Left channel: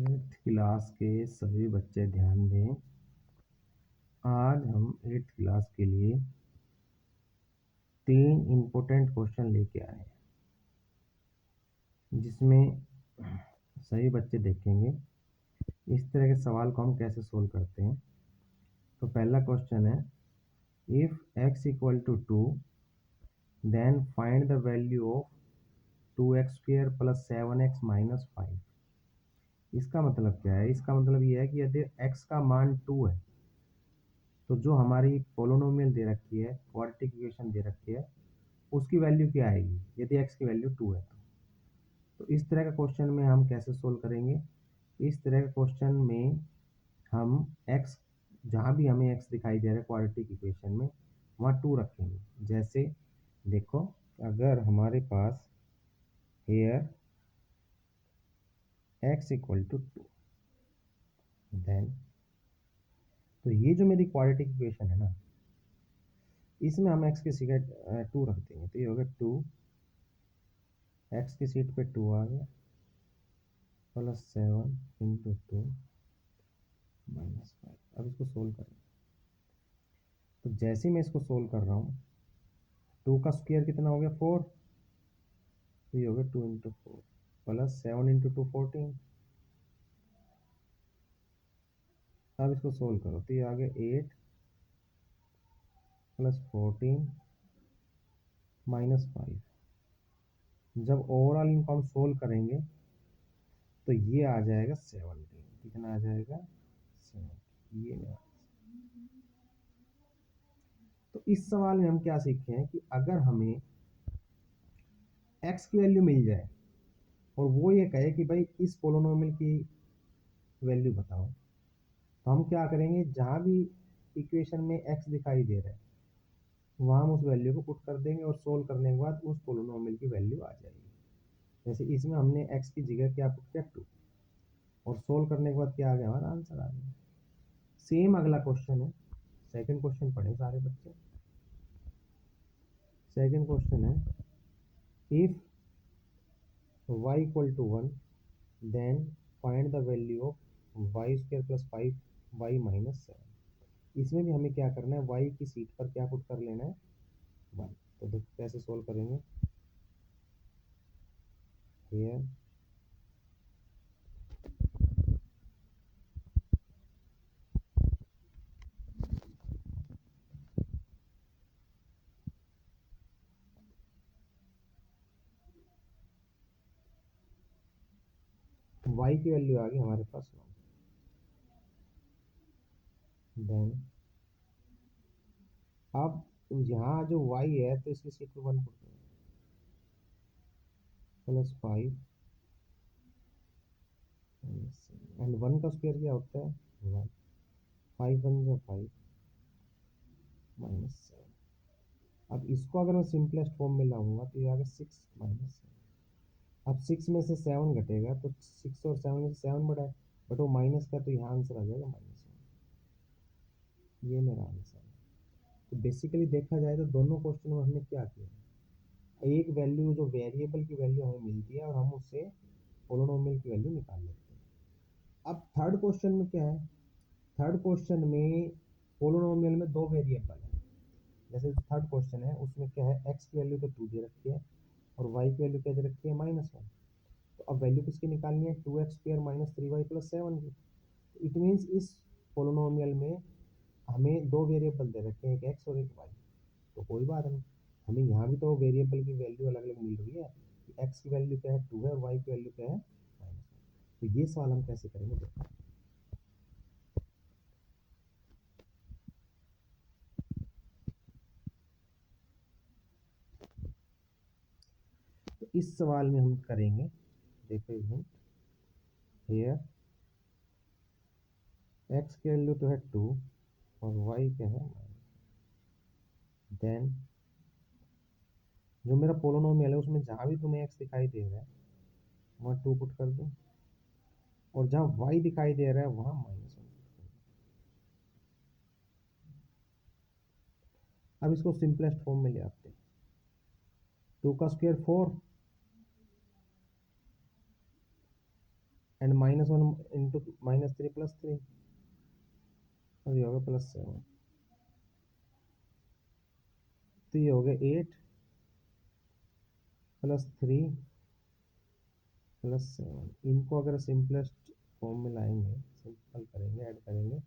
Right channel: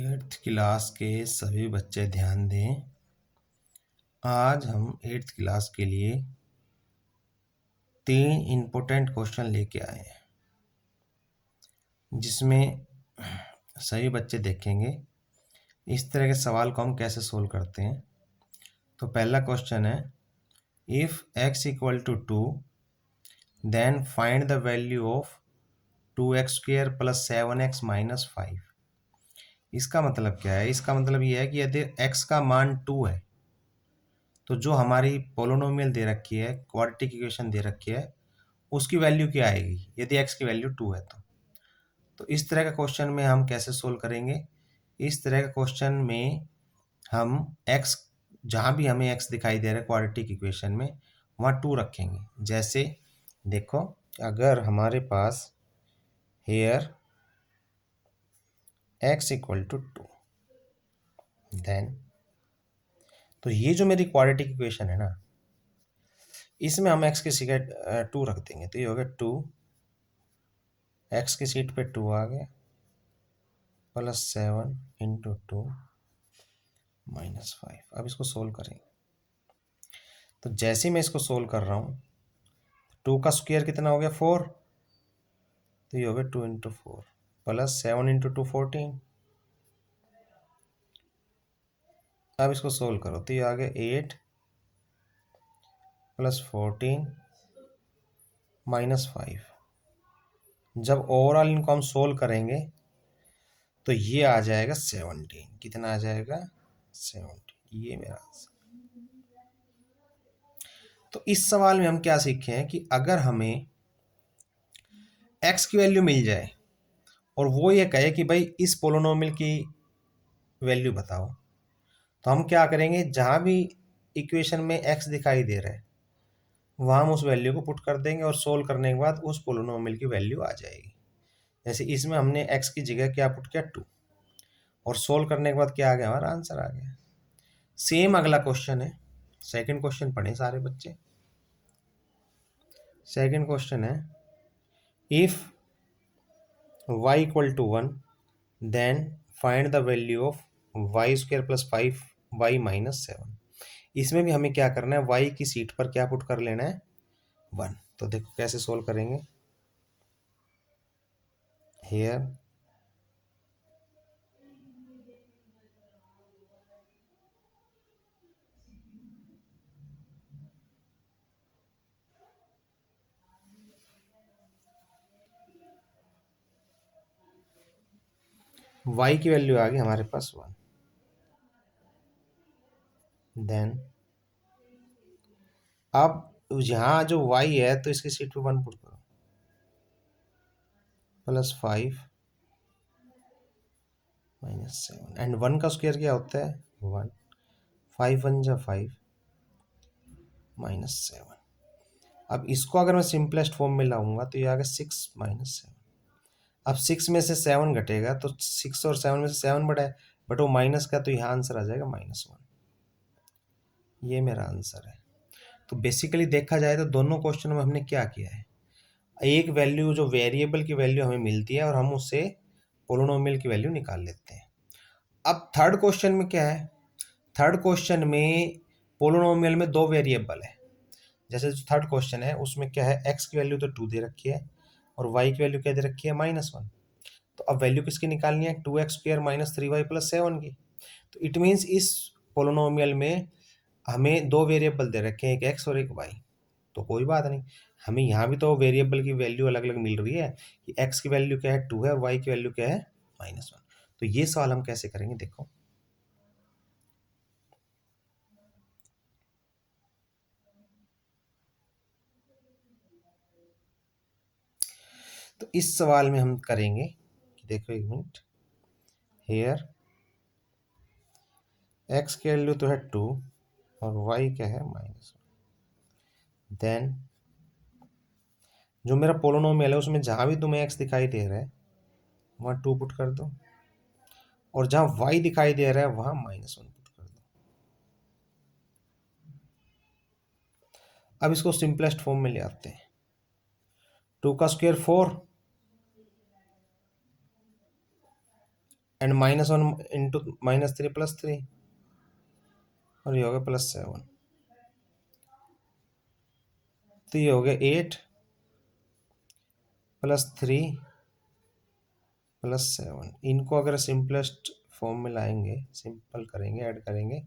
8th class के सभी बच्चे ध्यान दें। आज हम 8th क्लास के लिए 3 इम्पोर्टेंट क्वेश्चन लेके आए हैं, जिसमें सभी बच्चे देखेंगे इस तरह के सवाल को हम कैसे सोल्व करते हैं। तो पहला क्वेश्चन है, if x equal to 2 then find the value of 2x² plus 7x minus 5। इसका मतलब क्या है? इसका मतलब ये है कि यदि x का मान 2 है तो जो हमारी पोलिनोमियल दे रखी है, क्वाड्रेटिक इक्वेशन दे रखी है, उसकी वैल्यू क्या आएगी यदि x की वैल्यू 2 है। तो इस तरह का क्वेश्चन में हम कैसे सोल्व करेंगे? इस तरह का क्वेश्चन में हम x, जहाँ भी हमें x दिखाई दे रहा है क्वाड्रेटिक इक्वेशन में, वहाँ 2 रखेंगे। जैसे देखो, अगर हमारे पास here x equal to 2, then तो ये जो मेरी क्वाड्रेटिक इक्वेशन है ना, इसमें हम x की जगह 2 रख देंगे। तो ये हो गया 2, x की सीट पे 2 आ गया, प्लस 7 इंटू 2 माइनस 5। अब इसको सोल्व करेंगे। तो जैसे ही मैं इसको सोल्व कर रहा हूँ, 2 का स्क्वायर कितना हो गया? 4। तो ये हो गया 2 इंटू 4 प्लस 7 इंटू 2 14। अब इसको सोल्व करो तो ये आ गया 8 प्लस 14 माइनस 5। जब ओवरऑल इनको हम सोल्व करेंगे तो ये आ जाएगा 17। कितना आ जाएगा? 17। ये मेरा आंसर। तो इस सवाल में हम क्या सीखे हैं कि अगर हमें x की वैल्यू मिल जाए और वो ये कहे कि भाई इस पोलिनोमियल की वैल्यू बताओ, तो हम क्या करेंगे? जहाँ भी इक्वेशन में x दिखाई दे रहा है वहाँ हम उस वैल्यू को पुट कर देंगे और सोल्व करने के बाद उस पोलिनोमियल की वैल्यू आ जाएगी। जैसे इसमें हमने x की जगह क्या पुट किया? 2, और सोल्व करने के बाद क्या आ गया? हमारा आंसर आ गया। सेम अगला क्वेश्चन है, सेकंड क्वेश्चन पढ़े सारे बच्चे। सेकंड क्वेश्चन है, if y equal to 1 then find the value of y² plus 5y minus 7। इसमें भी हमें क्या करना है? y की सीट पर क्या पुट कर लेना है? 1। तो देखो कैसे सोल्व करेंगे। हियर y की वैल्यू आ गई हमारे पास 1। देन अब यहाँ जो y है तो इसकी सीट पे 1 पुट करो, प्लस 5 माइनस 7। एंड 1 का स्क्वायर क्या होता है? 1। 5 1 जा 5 माइनस 7। अब इसको अगर मैं सिंपलेस्ट फॉर्म में लाऊंगा तो ये आ गया 6 माइनस 7। अब 6 में से 7 घटेगा तो 6 और 7 में से 7 बढ़ा है, बट वो माइनस का, तो यहाँ आंसर आ जाएगा -1। ये मेरा आंसर है। तो बेसिकली देखा जाए तो दोनों क्वेश्चन में हमने क्या किया है? एक वैल्यू, जो वेरिएबल की वैल्यू हमें मिलती है और हम उससे पोलिनोमियल की वैल्यू निकाल लेते हैं। अब थर्ड क्वेश्चन में क्या है? थर्ड क्वेश्चन में पोलिनोमियल में 2 वेरिएबल है। जैसे जो थर्ड क्वेश्चन है उसमें क्या है? x की वैल्यू तो 2 दे रखी है और y की वैल्यू क्या दे रखी है? -1। तो अब वैल्यू किसकी निकालनी है? 2x² माइनस 3y प्लस 7 की। तो इट मीन्स इस पोलिनोमियल में हमें 2 वेरिएबल दे रखे हैं, एक x और एक y। तो कोई बात नहीं, हमें यहाँ भी तो वेरिएबल की वैल्यू अलग अलग मिल रही है कि x की वैल्यू क्या है? 2 है, और y की वैल्यू क्या है? -1। तो ये सवाल हम कैसे करेंगे? देखो, तो इस सवाल में हम करेंगे कि देखो एक मिनट, हेयर x की वैल्यू तो है 2 और y क्या है? -1। देन जो मेरा पोलिनोमियल है उसमें जहाँ भी तुम्हें x दिखाई दे रहा है वहाँ 2 पुट कर दो, और जहाँ y दिखाई दे रहा है वहाँ -1 पुट कर दो। अब इसको सिंपलेस्ट फॉर्म में ले आते हैं। 2 का स्क्वायर 4, एंड -1 इंटू -3 + 3, और ये हो गया +7, तो ये हो गया 8 + 3 + 7। इनको अगर सिंपलेस्ट फॉर्म में लाएंगे, सिंपल करेंगे, ऐड करेंगे,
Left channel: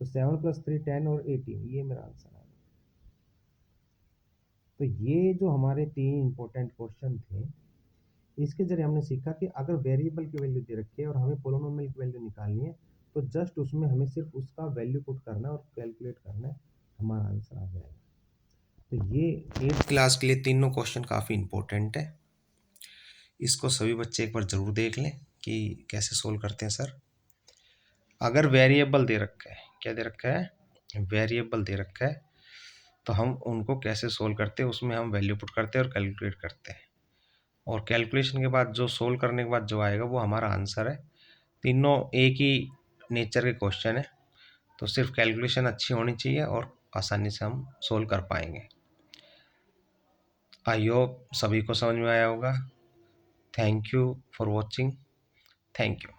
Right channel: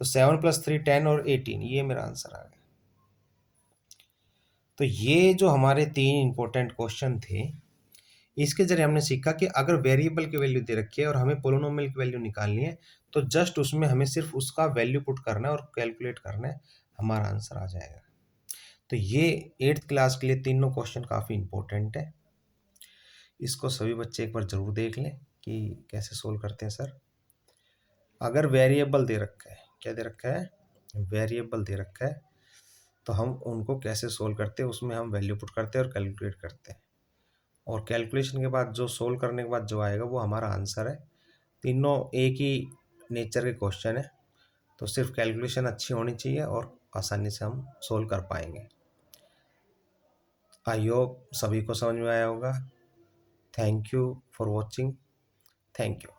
तो 7 + 3 10 और 18, ये मेरा आंसर आ गया। तो ये जो हमारे 3 इंपॉर्टेंट क्वेश्चन थे, इसके जरिए हमने सीखा कि अगर वेरिएबल की वैल्यू दे रखी है और हमें पोलिनोमियल की वैल्यू निकालनी है, तो जस्ट उसमें हमें सिर्फ उसका वैल्यू पुट करना है और कैलकुलेट करना है, हमारा आंसर आ जाएगा। तो ये 8th क्लास के लिए तीनों क्वेश्चन काफ़ी इंपॉर्टेंट है। इसको सभी बच्चे एक बार ज़रूर देख लें कि कैसे सोल्व करते हैं सर। अगर वेरिएबल दे रखा है, क्या दे रखा है, वेरिएबल दे रखा है, तो हम उनको कैसे सोल्व करते हैं, उसमें हम वैल्यू पुट करते हैं और कैलकुलेट करते हैं, और कैलकुलेशन के बाद जो सोल्व करने के बाद जो आएगा वो हमारा आंसर है। तीनों एक ही नेचर के क्वेश्चन है, तो सिर्फ कैलकुलेशन अच्छी होनी चाहिए और आसानी से हम सोल्व कर पाएंगे। आई होप सभी को समझ में आया होगा। Thank you for watching. Thank you.